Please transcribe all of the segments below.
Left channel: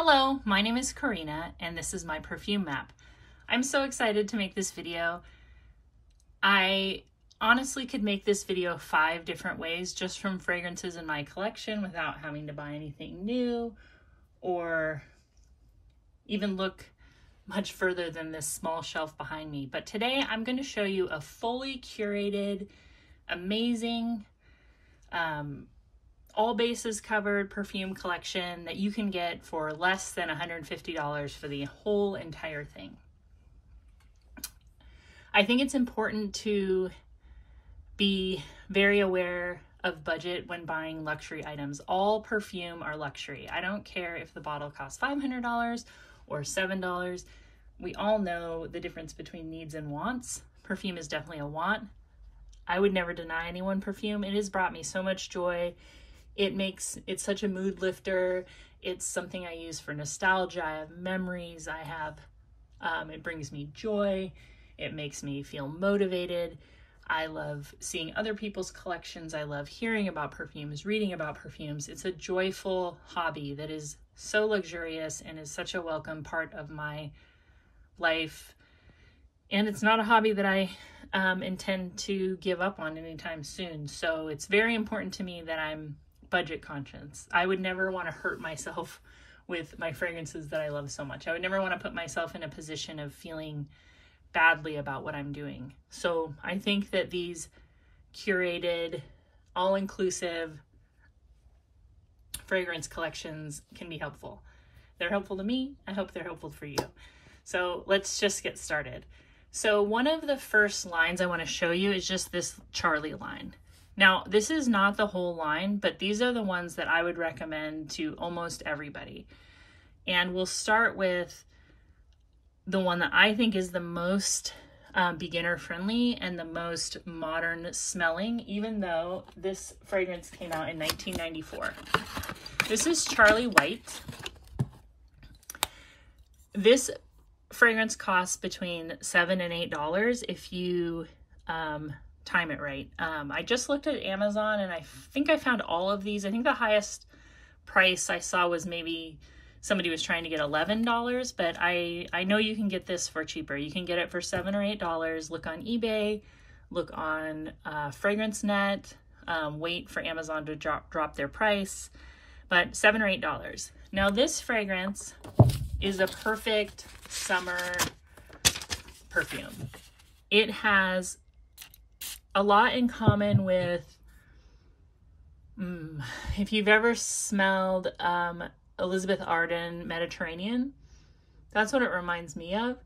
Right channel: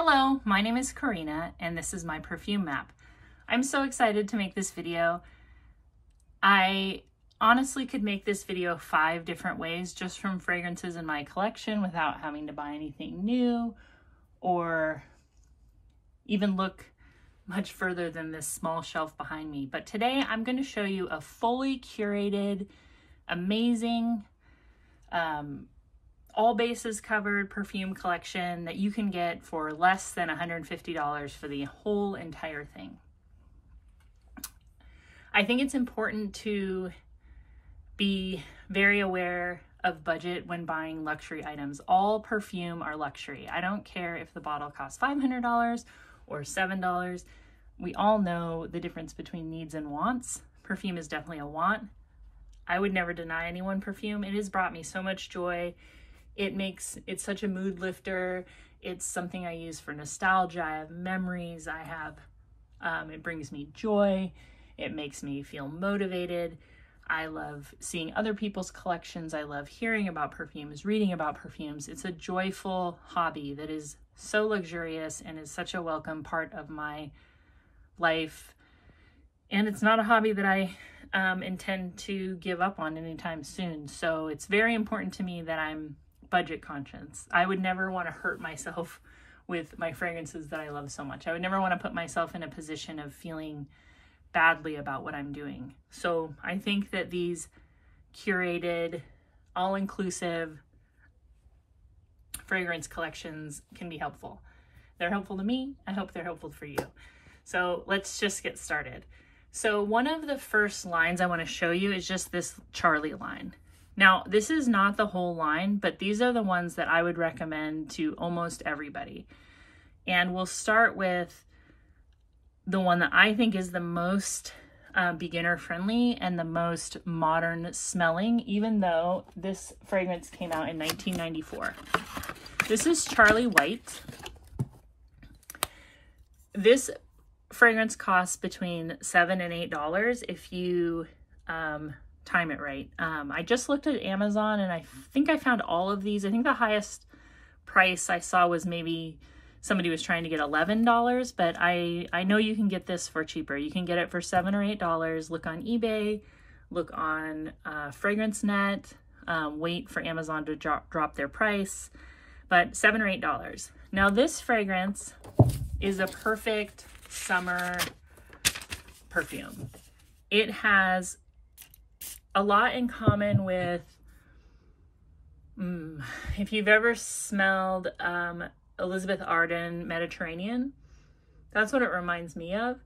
Hello, my name is Karina and this is my perfume map. I'm so excited to make this video. I honestly could make this video 5 different ways just from fragrances in my collection without having to buy anything new or even look much further than this small shelf behind me. But today I'm going to show you a fully curated, amazing, all bases covered perfume collection that you can get for less than $150 for the whole entire thing. I think it's important to be very aware of budget when buying luxury items. All perfume are luxury. I don't care if the bottle costs $500 or $7. We all know the difference between needs and wants. Perfume is definitely a want. I would never deny anyone perfume. It has brought me so much joy. It's such a mood lifter. It's something I use for nostalgia. I have memories. It brings me joy. It makes me feel motivated. I love seeing other people's collections. I love hearing about perfumes, reading about perfumes. It's a joyful hobby that is so luxurious and is such a welcome part of my life. And it's not a hobby that I intend to give up on anytime soon. So it's very important to me that I'm budget conscious. I would never want to hurt myself with my fragrances that I love so much. I would never want to put myself in a position of feeling badly about what I'm doing. So I think that these curated, all-inclusive fragrance collections can be helpful. They're helpful to me. I hope they're helpful for you. So let's just get started. So one of the first lines I want to show you is just this Charlie line. Now, this is not the whole line, but these are the ones that I would recommend to almost everybody. And we'll start with the one that I think is the most beginner friendly and the most modern smelling, even though this fragrance came out in 1994. This is Charlie White. This fragrance costs between $7 and $8 if you time it right. I just looked at Amazon and I think I found all of these. I think the highest price I saw was maybe somebody was trying to get $11, but I know you can get this for cheaper. You can get it for $7 or $8. Look on eBay, look on FragranceNet, wait for Amazon to drop their price, but $7 or $8. Now this fragrance is a perfect summer perfume. It has a lot in common with, if you've ever smelled Elizabeth Arden Mediterranean, that's what it reminds me of.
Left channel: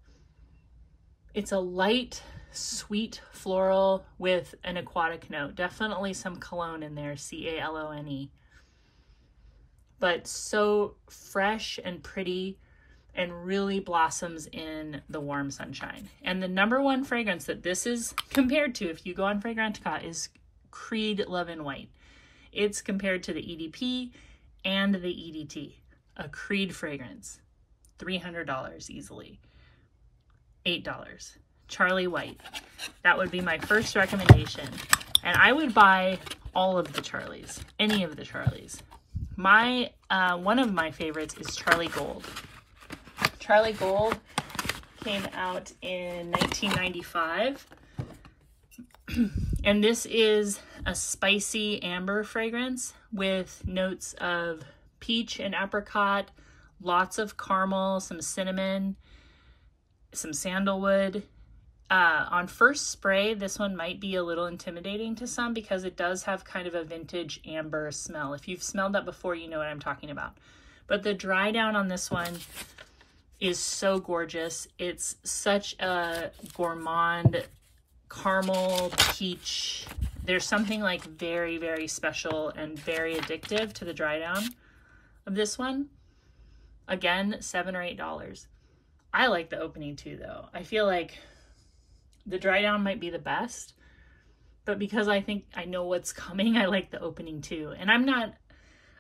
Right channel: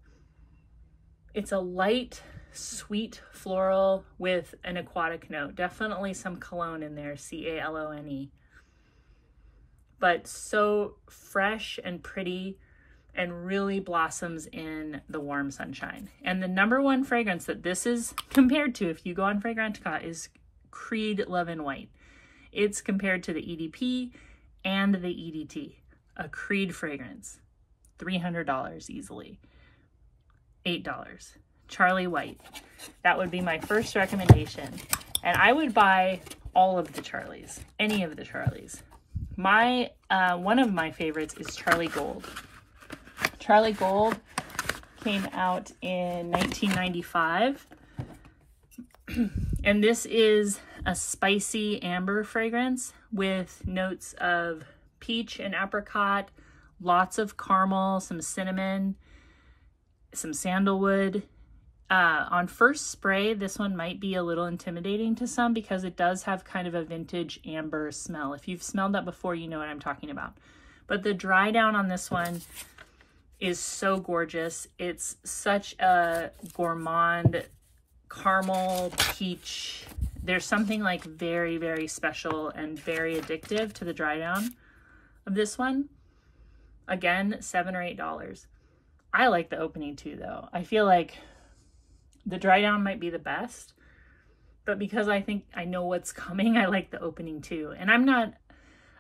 It's a light, sweet floral with an aquatic note. Definitely some cologne in there, C-A-L-O-N-E. But so fresh and pretty and really blossoms in the warm sunshine. And the #1 fragrance that this is compared to, if you go on Fragrantica, is Creed Love in White. It's compared to the EDP and the EDT. A Creed fragrance, $300 easily. $8. Charlie White. That would be my first recommendation. And I would buy all of the Charlies, any of the Charlies. One of my favorites is Charlie Gold. Charlie Gold came out in 1995. And this is a spicy amber fragrance with notes of peach and apricot, lots of caramel, some cinnamon, some sandalwood. On first spray, this one might be a little intimidating to some because it does have kind of a vintage amber smell. If you've smelled that before, you know what I'm talking about. But the dry down on this one is so gorgeous. It's such a gourmand caramel peach. There's something like very, very special and very addictive to the dry down of this one. Again, $7 or $8. I like the opening too, though. I feel like the dry down might be the best, but because I think I know what's coming, I like the opening too. And I'm not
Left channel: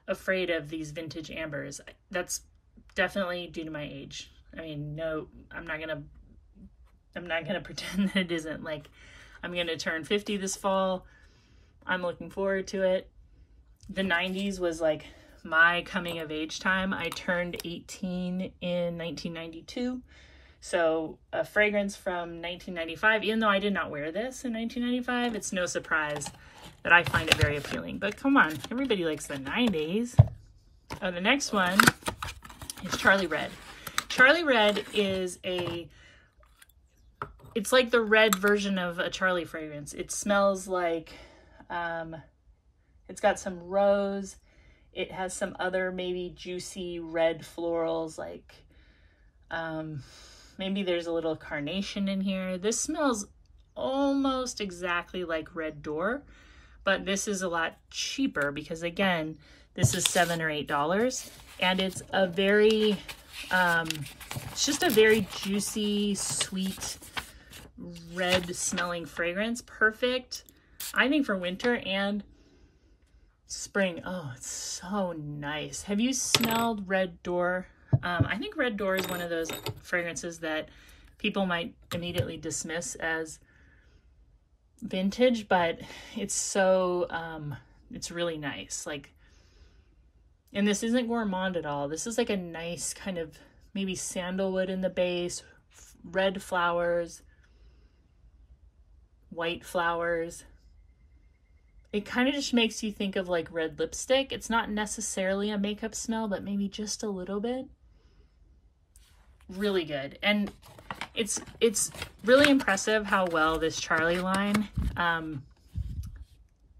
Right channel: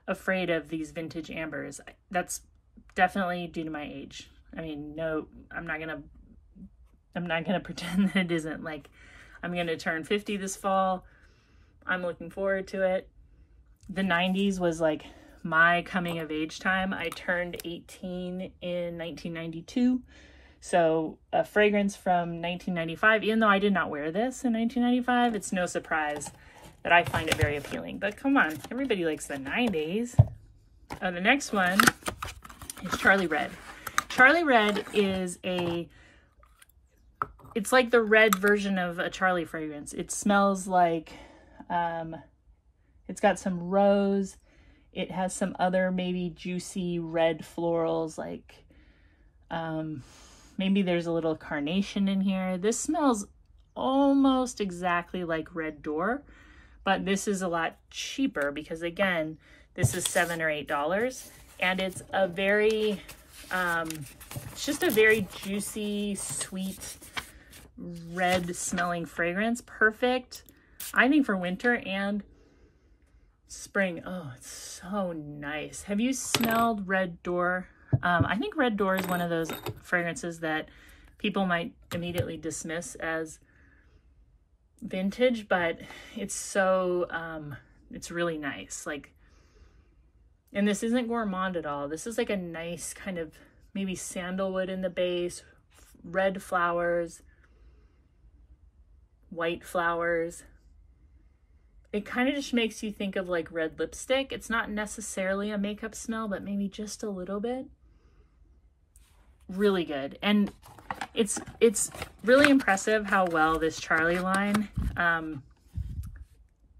afraid of these vintage ambers. That's definitely due to my age. I mean, no, I'm not gonna pretend that it isn't. Like, I'm gonna turn 50 this fall. I'm looking forward to it. The 90s was like my coming of age time. I turned 18 in 1992. So a fragrance from 1995, even though I did not wear this in 1995, it's no surprise that I find it very appealing. But come on, everybody likes the 90s. The next one is Charlie Red. Charlie Red is it's like the red version of a Charlie fragrance. It smells like, it's got some rose. It has some other maybe juicy red florals, like maybe there's a little carnation in here. This smells almost exactly like Red Door, but this is a lot cheaper because, again, this is $7 or $8, and it's a very, it's just a very juicy, sweet, red smelling fragrance. Perfect, I think, for winter and spring. Oh, it's so nice. Have you smelled Red Door? I think Red Door is one of those fragrances that people might immediately dismiss as vintage, but it's so, it's really nice. Like, and this isn't gourmand at all. This is like a nice kind of maybe sandalwood in the base, red flowers, white flowers. It kind of just makes you think of like red lipstick. It's not necessarily a makeup smell, but maybe just a little bit. Really good. And it's really impressive how well this Charlie line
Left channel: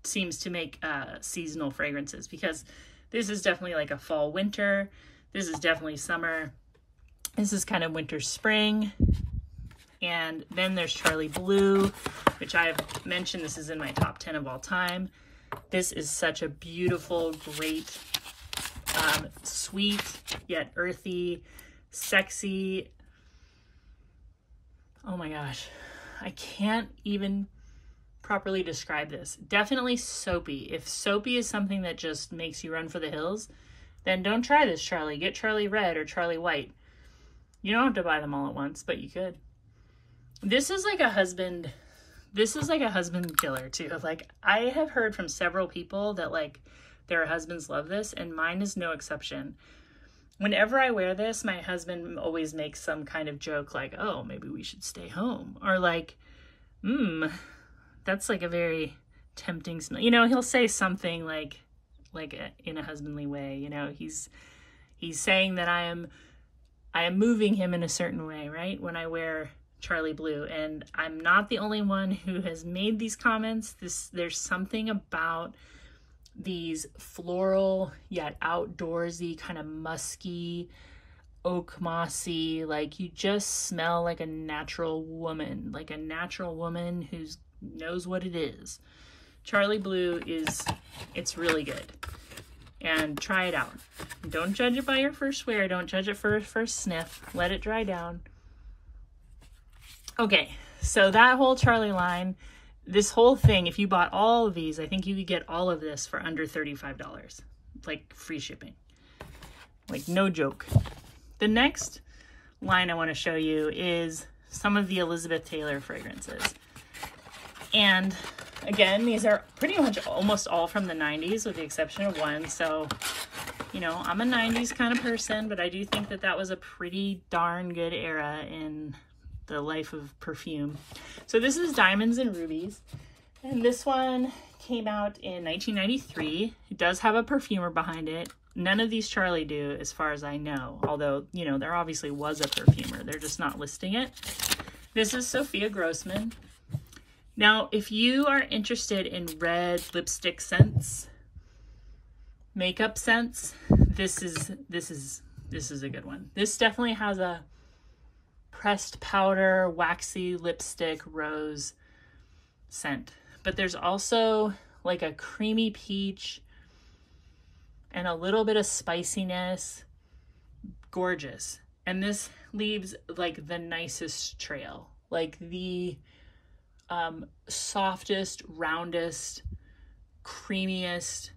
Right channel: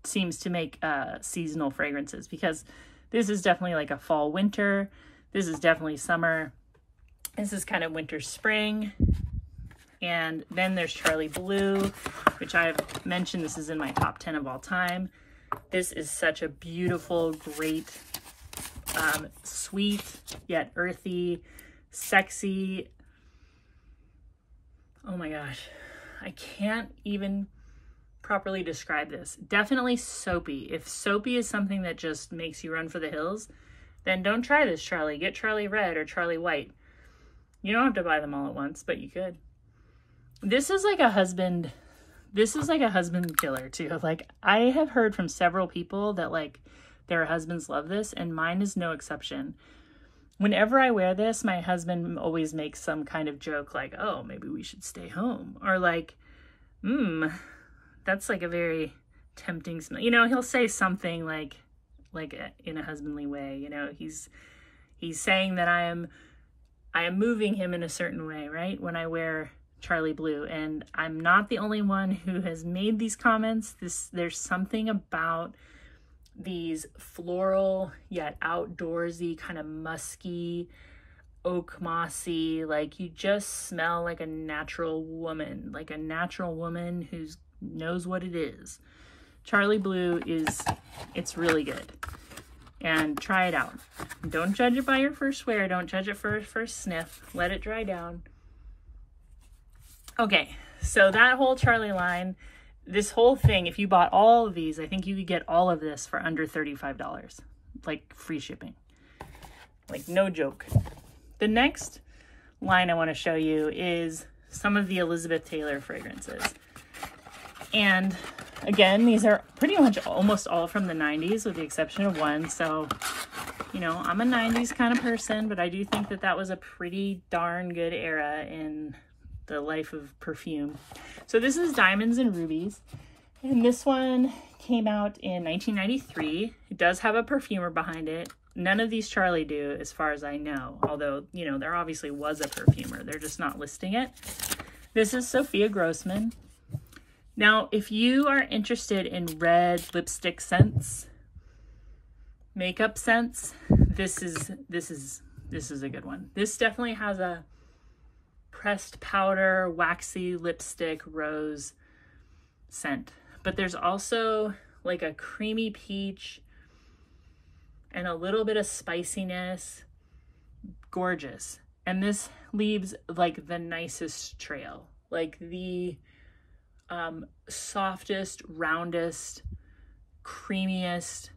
seems to make seasonal fragrances, because this is definitely like a fall winter. This is definitely summer. This is kind of winter spring. And then there's Charlie Blue, which I've mentioned. This is in my top 10 of all time. This is such a beautiful, great, sweet, yet earthy, sexy. Oh my gosh, I can't even properly describe this. Definitely soapy. If soapy is something that just makes you run for the hills, then don't try this Charlie. Get Charlie Red or Charlie White. You don't have to buy them all at once, but you could. This is like a husband killer too. Like, I have heard from several people that like their husbands love this, and mine is no exception. Whenever I wear this, my husband always makes some kind of joke like, oh, maybe we should stay home. Or like, that's like a very tempting smell. You know, he'll say something like in a husbandly way, you know, he's saying that I am moving him in a certain way, right? When I wear Charlie Blue. And I'm not the only one who has made these comments. There's something about these floral yet outdoorsy, kind of musky, oak mossy, like you just smell like a natural woman who knows what it is. Charlie Blue it's really good. And try it out. Don't judge it by your first wear. Don't judge it for your first sniff. Let it dry down. Okay, so that whole Charlie line, this whole thing, if you bought all of these, I think you could get all of this for under $35, like free shipping. Like, no joke. The next line I want to show you is some of the Elizabeth Taylor fragrances. And again, these are pretty much almost all from the 90s with the exception of one. So, you know, I'm a 90s kind of person, but I do think that that was a pretty darn good era in the life of perfume. So this is Diamonds and Rubies, and this one came out in 1993. It does have a perfumer behind it. None of these Charlie do, as far as I know, although, you know, there obviously was a perfumer. They're just not listing it. This is Sophia Grossman. Now, if you are interested in red lipstick scents, makeup scents, this is a good one. This definitely has a pressed powder, waxy lipstick rose scent. But there's also like a creamy peach and a little bit of spiciness. Gorgeous. And this leaves like the nicest trail, like the softest, roundest, creamiest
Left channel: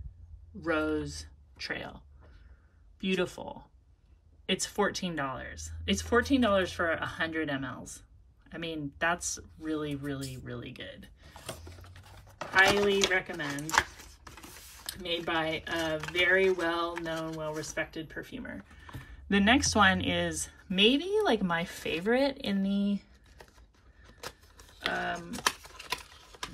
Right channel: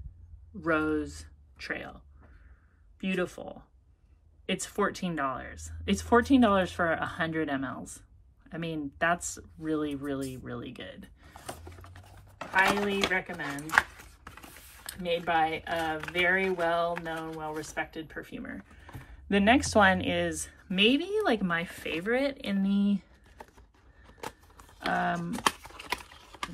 rose trail. Beautiful. It's $14. It's $14 for 100 mLs. I mean, that's really, really, really good. Highly recommend. made by a very well-known, well-respected perfumer. The next one is maybe like my favorite in the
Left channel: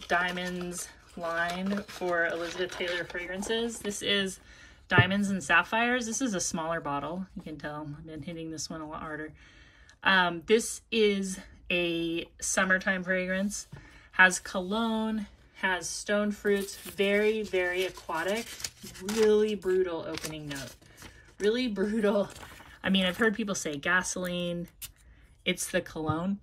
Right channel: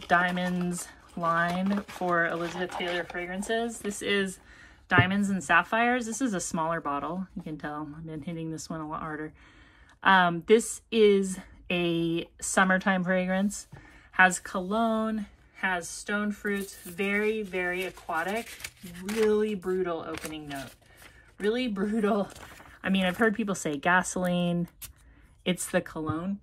Diamonds line for Elizabeth Taylor fragrances. This is Diamonds and Sapphires. This is a smaller bottle. You can tell I've been hitting this one a lot harder. This is a summertime fragrance. Has cologne, has stone fruits, very, very aquatic, really brutal opening note. Really brutal. I mean, I've heard people say gasoline. It's the cologne.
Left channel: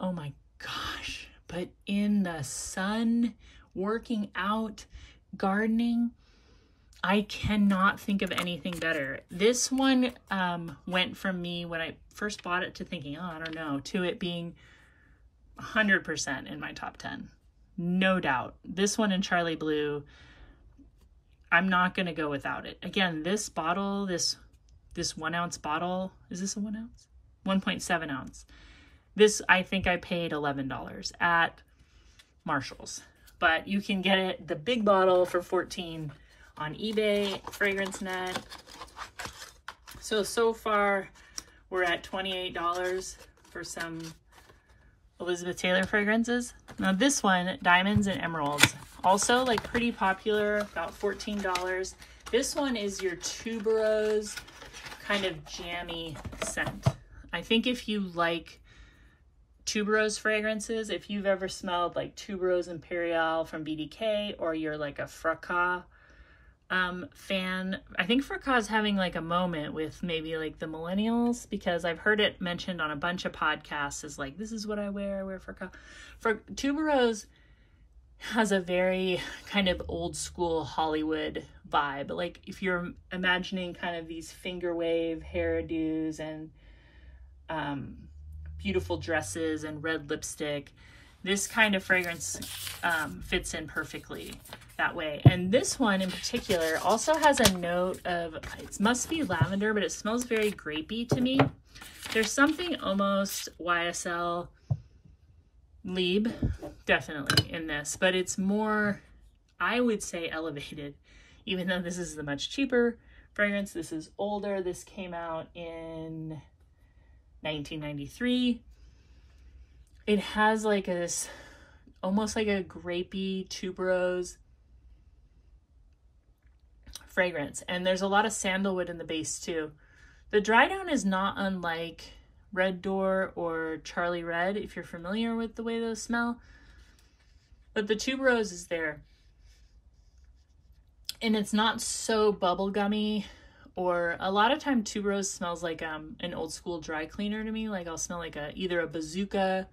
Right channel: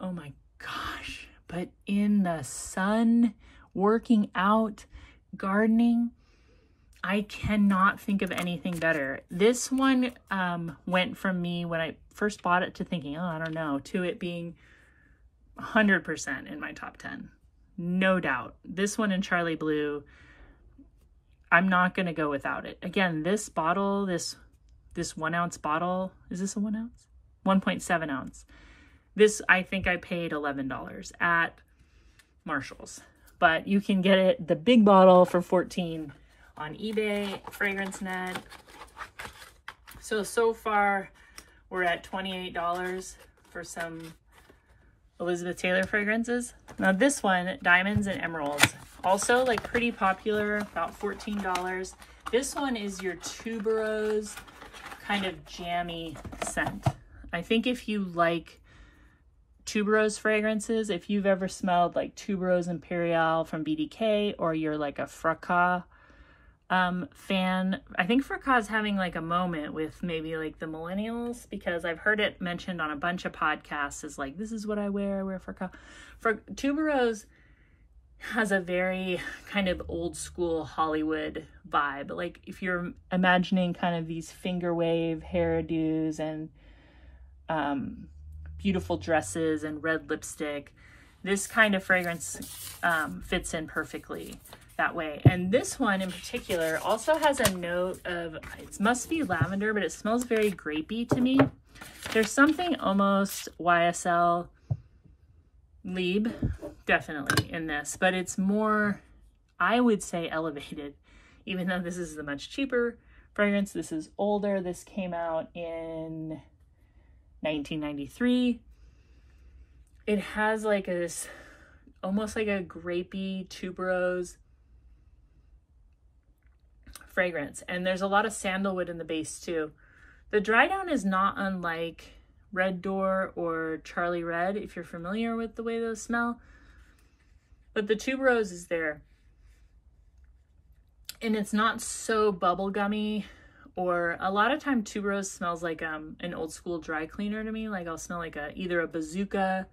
Oh my gosh. But in the sun, working out, gardening, I cannot think of anything better. This one went from me when I first bought it to thinking, oh, I don't know, to it being 100% in my top 10. No doubt. This one in Charlie Blue, I'm not going to go without it. Again, this bottle, this 1 ounce bottle, is this a 1 ounce? 1.7 ounce. This, I think I paid $11 at Marshall's, but you can get it, the big bottle, for $14 on eBay, FragranceNet. So far we're at $28 for some Elizabeth Taylor fragrances. Now this one, Diamonds and Emeralds, also like pretty popular, about $14. This one is your tuberose kind of jammy scent. I think if you like tuberose fragrances, if you've ever smelled like Tuberose Imperial from BDK, or you're like a Fracas fan, I think Fracas is having like a moment with maybe like the millennials, because I've heard it mentioned on a bunch of podcasts as like, this is what I wear Fracas. Tuberose has a very kind of old school Hollywood vibe. Like if you're imagining kind of these finger wave hairdos and beautiful dresses and red lipstick, this kind of fragrance fits in perfectly that way. And this one in particular also has a note of, it must be lavender, but it smells very grapey to me. There's something almost YSL Lieb definitely in this, but it's more, I would say, elevated, even though this is the much cheaper fragrance. This is older. This came out in 1993. It has like this almost like a grapey tuberose fragrance, and there's a lot of sandalwood in the base too. The dry down is not unlike Red Door or Charlie Red, if you're familiar with the way those smell, but the tuberose is there, and it's not so bubblegummy. Or a lot of time tuberose smells like an old school dry cleaner to me. Like I'll smell like either a Bazooka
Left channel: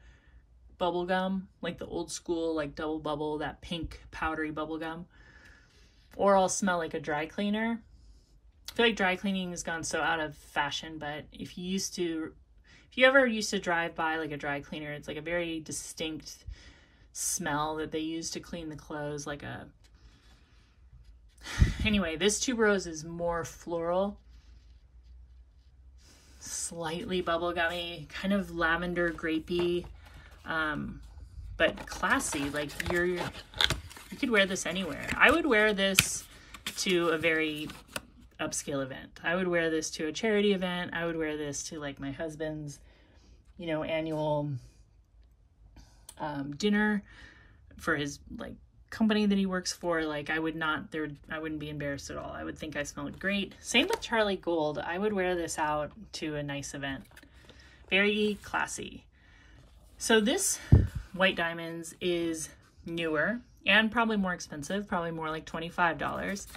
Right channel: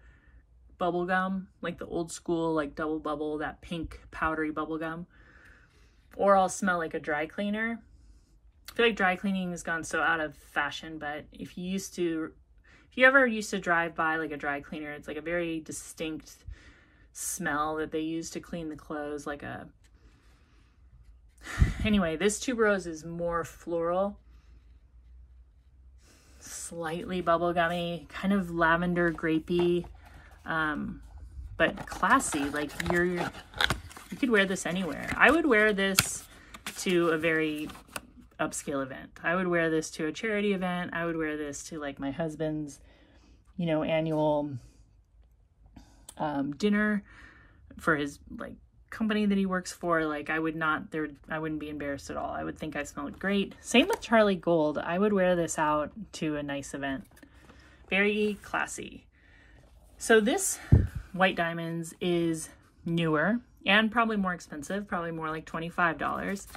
bubble gum, like the old school like double bubble, that pink powdery bubble gum, or I'll smell like a dry cleaner. I feel like dry cleaning has gone so out of fashion, but if you ever used to drive by like a dry cleaner, it's like a very distinct smell that they use to clean the clothes, like a, anyway, this tuberose is more floral, slightly bubblegummy, kind of lavender grapey, but classy. Like you could wear this anywhere. I would wear this to a very upscale event. I would wear this to a charity event. I would wear this to like my husband's, you know, annual dinner for his like company that he works for. Like I wouldn't be embarrassed at all. I would think I smelled great. Same with Charlie Gold. I would wear this out to a nice event. Very classy. So this White Diamonds is newer and probably more expensive, probably more like $25.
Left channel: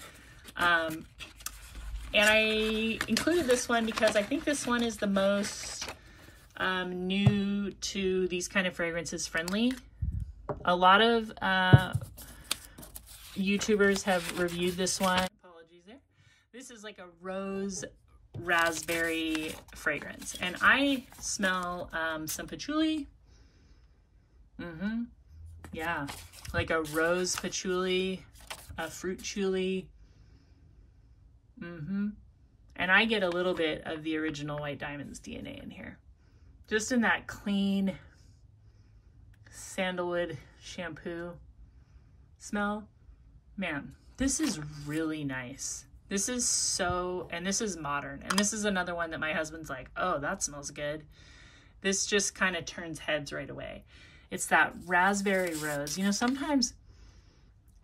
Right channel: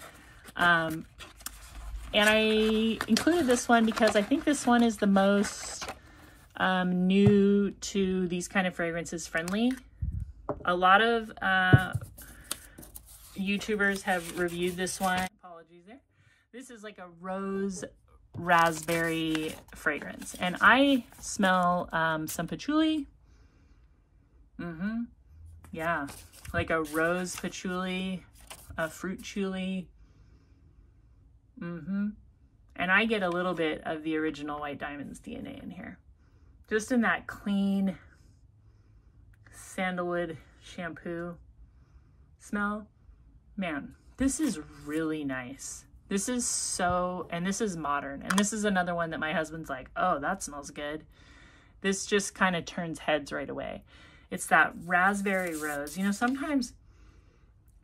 And I included this one because I think this one is the most new to these kind of fragrances friendly. A lot of YouTubers have reviewed this one. Apologies there. This is like a rose raspberry fragrance, and I smell some patchouli. Yeah, like a rose patchouli, a fruit chuli. And I get a little bit of the original White Diamonds DNA in here, just in that clean sandalwood shampoo smell. Man, This is really nice. This is so, and this is modern. And this is another one that my husband's like, oh, that smells good. This just kind of turns heads right away. It's that raspberry rose. You know, sometimes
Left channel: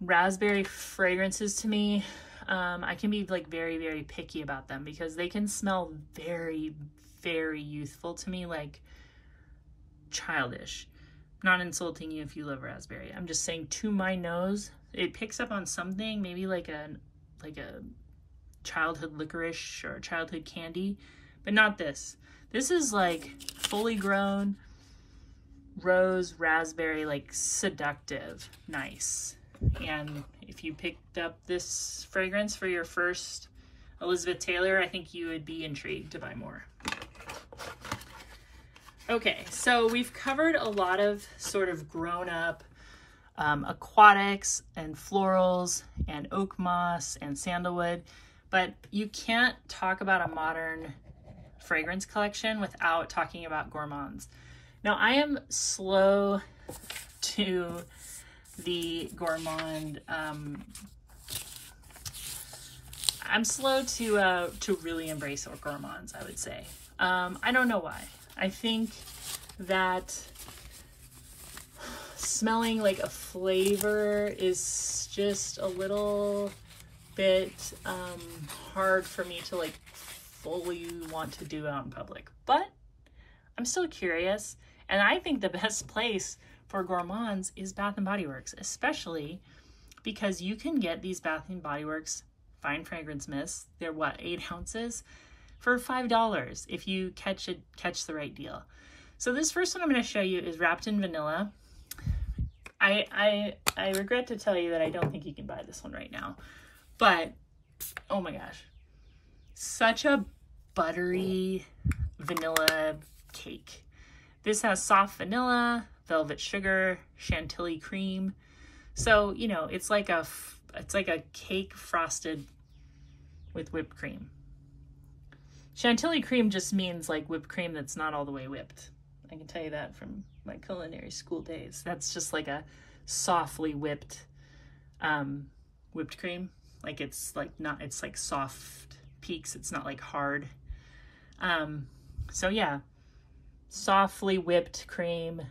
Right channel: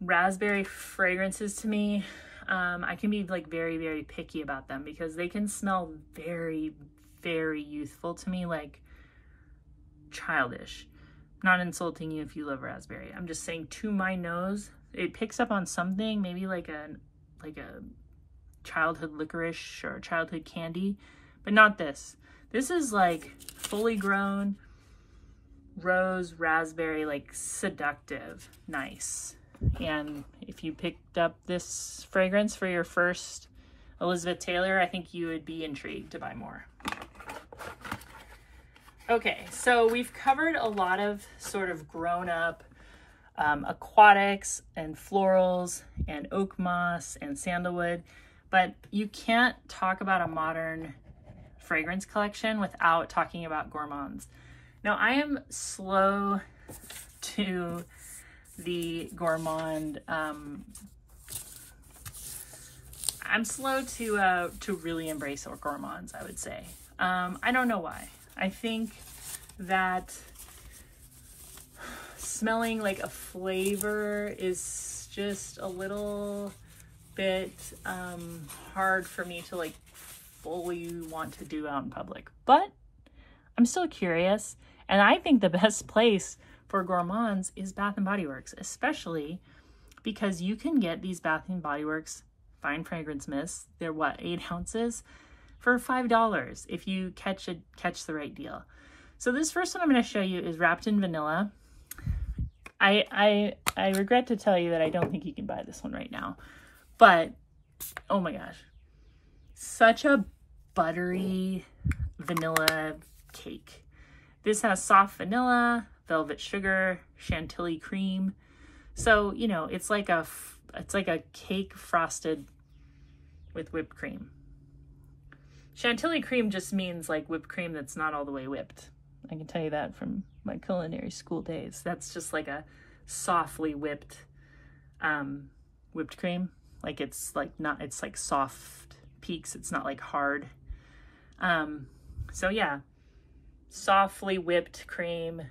raspberry fragrances to me, I can be like very, very picky about them because they can smell very, very youthful to me, like childish. I'm not insulting you if you love raspberry. I'm just saying to my nose, it picks up on something, maybe like a childhood licorice or childhood candy, but not this. This is like fully grown rose, raspberry, like seductive, nice. And if you picked up this fragrance for your first Elizabeth Taylor, I think you would be intrigued to buy more. Okay, so we've covered a lot of sort of grown-up aquatics and florals and oak moss and sandalwood, but you can't talk about a modern fragrance collection without talking about gourmands. Now, I am slow to the gourmand. I'm slow to really embrace our gourmands, I would say. I don't know why. I think that smelling like a flavor is just a little bit hard for me to like fully want to do out in public, but I'm still curious. And I think the best place for gourmands is Bath & Body Works, especially because you can get these Bath & Body Works fine fragrance mists. They're what, 8 ounces for $5 if you catch the right deal. So this first one I'm going to show you is wrapped in vanilla. I regret to tell you that I don't think you can buy this one right now, but oh my gosh, such a buttery vanilla cake. This has soft vanilla, velvet sugar, chantilly cream. So, you know, it's like a cake frosted with whipped cream. Chantilly cream just means like whipped cream that's not all the way whipped. I can tell you that from my culinary school days. That's just like a softly whipped whipped cream. Like it's like not, it's like soft peaks. It's not like hard. So yeah, softly whipped cream,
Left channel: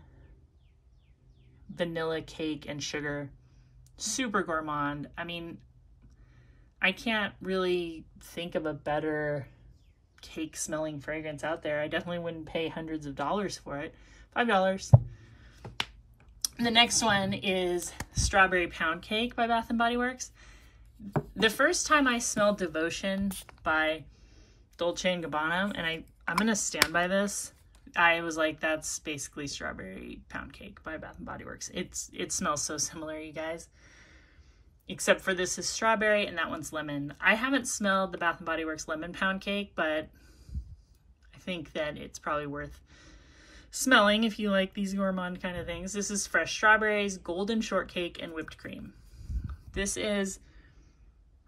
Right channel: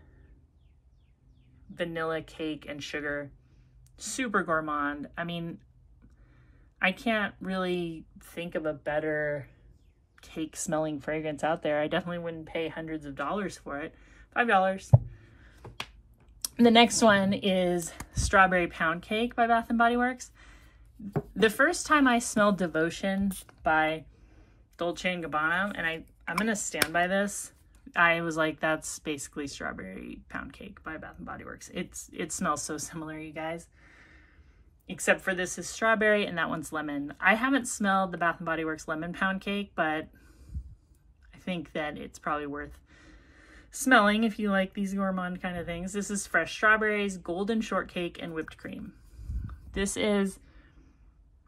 vanilla cake and sugar, super gourmand. I mean, I can't really think of a better cake smelling fragrance out there. I definitely wouldn't pay hundreds of dollars for it. $5. The next one is Strawberry Pound Cake by Bath & Body Works. The first time I smelled Devotion by Dolce & Gabbana, and I'm gonna stand by this, I was like, that's basically Strawberry Pound Cake by Bath & Body Works. It smells so similar, you guys. Except for this is strawberry and that one's lemon. I haven't smelled the Bath & Body Works Lemon Pound Cake, but I think that it's probably worth smelling if you like these gourmand kind of things. This is fresh strawberries, golden shortcake, and whipped cream. This is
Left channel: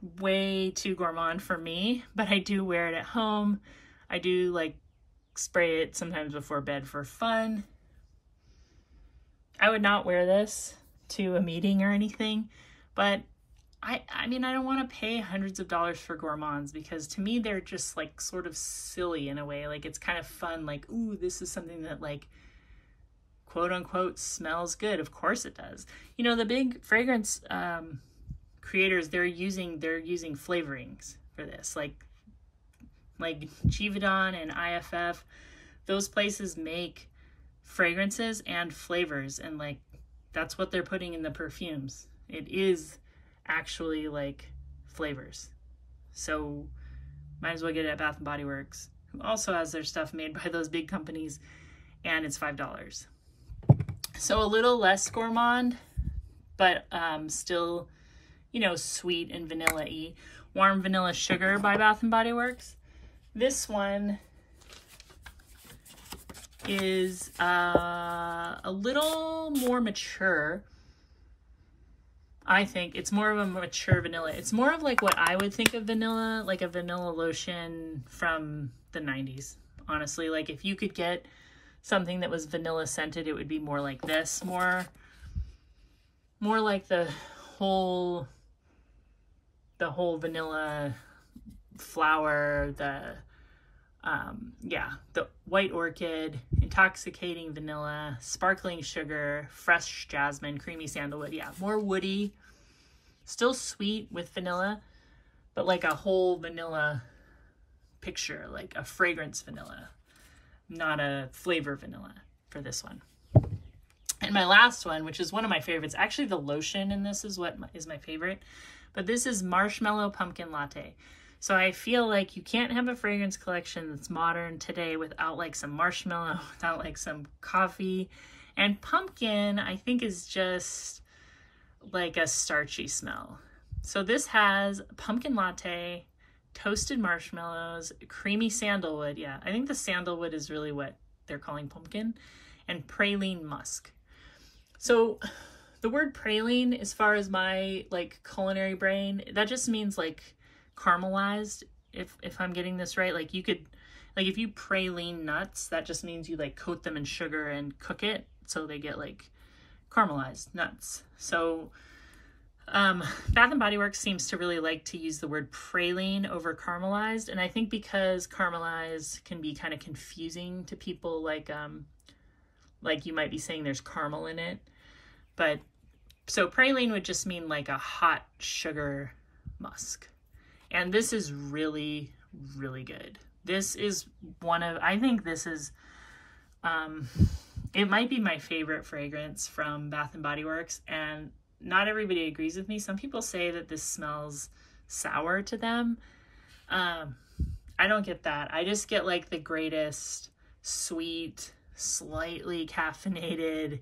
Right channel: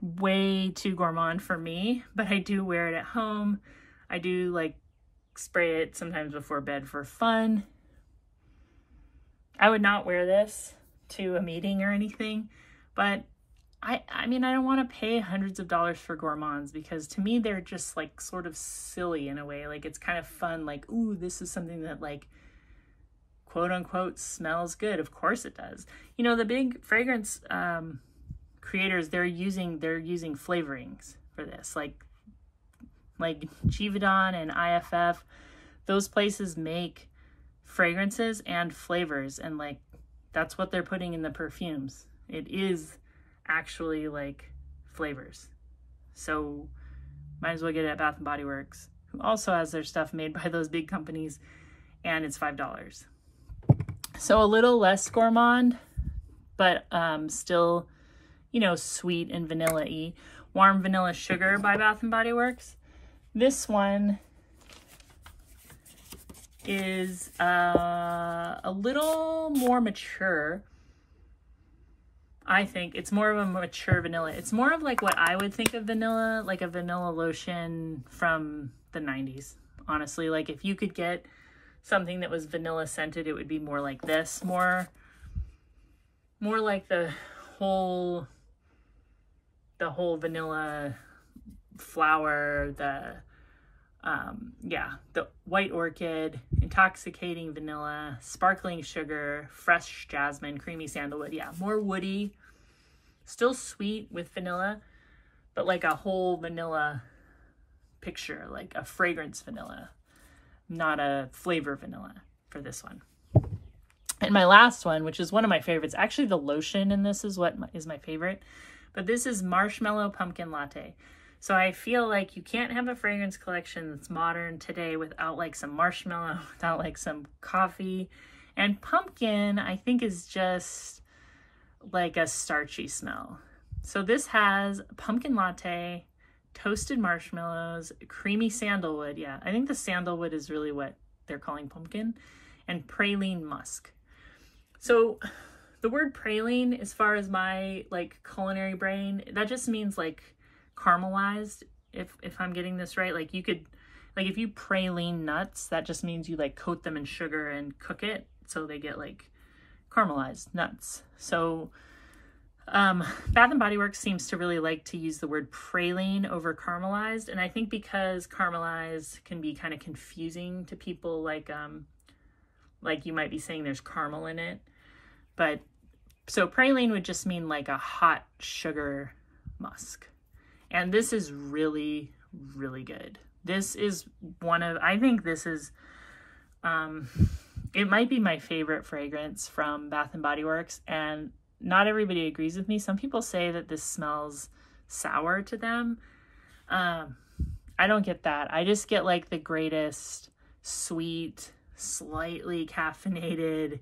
way too gourmand for me, but I do wear it at home. I do like spray it sometimes before bed for fun. I would not wear this to a meeting or anything, but I mean, I don't want to pay hundreds of dollars for gourmands because to me, they're just like sort of silly in a way. Like it's kind of fun. Like, ooh, this is something that like quote unquote smells good. Of course it does. You know, the big fragrance creators, they're using flavorings for this, like Givaudan and IFF. Those places make fragrances and flavors, and like that's what they're putting in the perfumes. It is actually like flavors. So might as well get it at Bath & Body Works, who also has their stuff made by those big companies, and it's $5. So a little less gourmand, but still, you know, sweet and vanilla-y. Warm Vanilla Sugar by Bath & Body Works. This one is a little more mature. I think it's more of a mature vanilla. It's more of like what I would think of vanilla, like a vanilla lotion from the 90s. Honestly, like if you could get something that was vanilla scented, it would be more like this, more like the whole the whole vanilla flower, the white orchid, intoxicating vanilla, sparkling sugar, fresh jasmine, creamy sandalwood. Yeah, more woody, still sweet with vanilla, but like a whole vanilla picture, like a fragrance vanilla, not a flavor vanilla for this one. And my last one, which is one of my favorites, actually the lotion in this is what is my favorite, but this is Marshmallow Pumpkin Latte. So I feel like you can't have a fragrance collection that's modern today without like some marshmallow, without like some coffee. And pumpkin, I think, is just like a starchy smell. So this has pumpkin latte, toasted marshmallows, creamy sandalwood. Yeah, I think the sandalwood is really what they're calling pumpkin, and praline musk. So the word praline, as far as my like culinary brain, that just means like caramelized, if I'm getting this right. Like you could, like if you praline nuts, that just means you like coat them in sugar and cook it so they get like caramelized nuts. So Bath & Body Works seems to really like to use the word praline over caramelized, and I think because caramelized can be kind of confusing to people, like you might be saying there's caramel in it, but so praline would just mean like a hot sugar musk. And this is really, really good. This is one of, I think this is, it might be my favorite fragrance from Bath & Body Works, and not everybody agrees with me. Some people say that this smells sour to them. I don't get that. I just get like the greatest sweet, slightly caffeinated,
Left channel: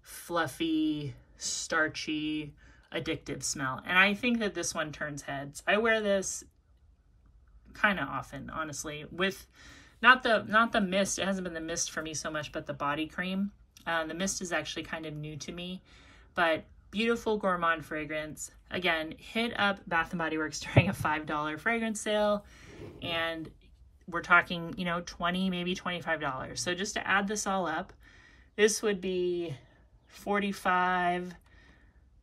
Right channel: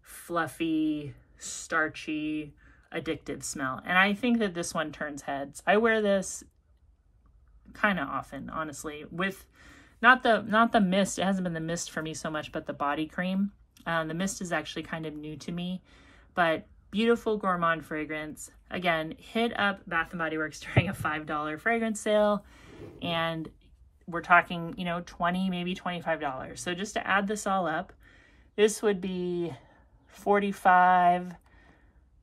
fluffy, starchy, addictive smell. And I think that this one turns heads. I wear this kind of often, honestly, with not the mist. It hasn't been the mist for me so much, but the body cream. The mist is actually kind of new to me, but beautiful gourmand fragrance. Again, hit up Bath & Body Works during a $5 fragrance sale, and we're talking, you know, $20, maybe $25. So just to add this all up, this would be $45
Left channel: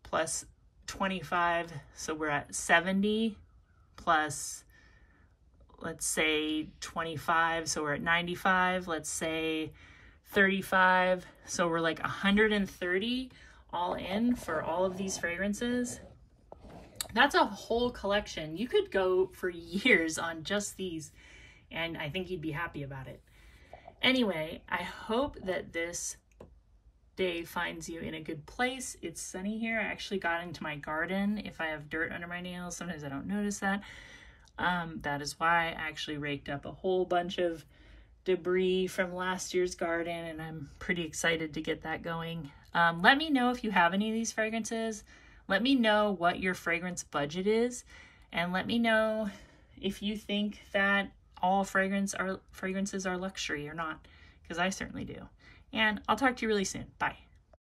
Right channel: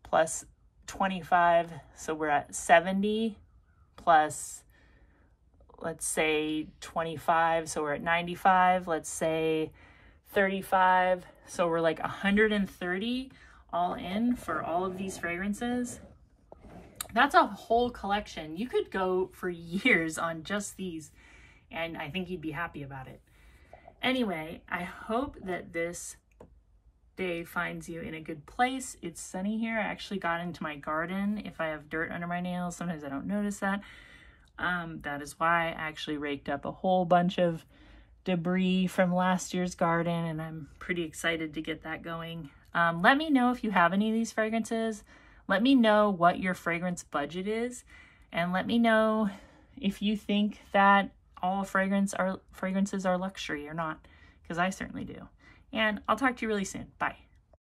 plus 25, so we're at 70 plus, let's say 25, so we're at 95, let's say 35, so we're like 130 all in for all of these fragrances. That's a whole collection. You could go for years on just these, and I think you'd be happy about it. Anyway, I hope that this day finds you in a good place. It's sunny here. I actually got into my garden. If I have dirt under my nails, sometimes I don't notice that. That is why I actually raked up a whole bunch of debris from last year's garden, and I'm pretty excited to get that going. Let me know if you have any of these fragrances. Let me know what your fragrance budget is, and let me know if you think that all fragrances are luxury or not, because I certainly do. And I'll talk to you really soon. Bye.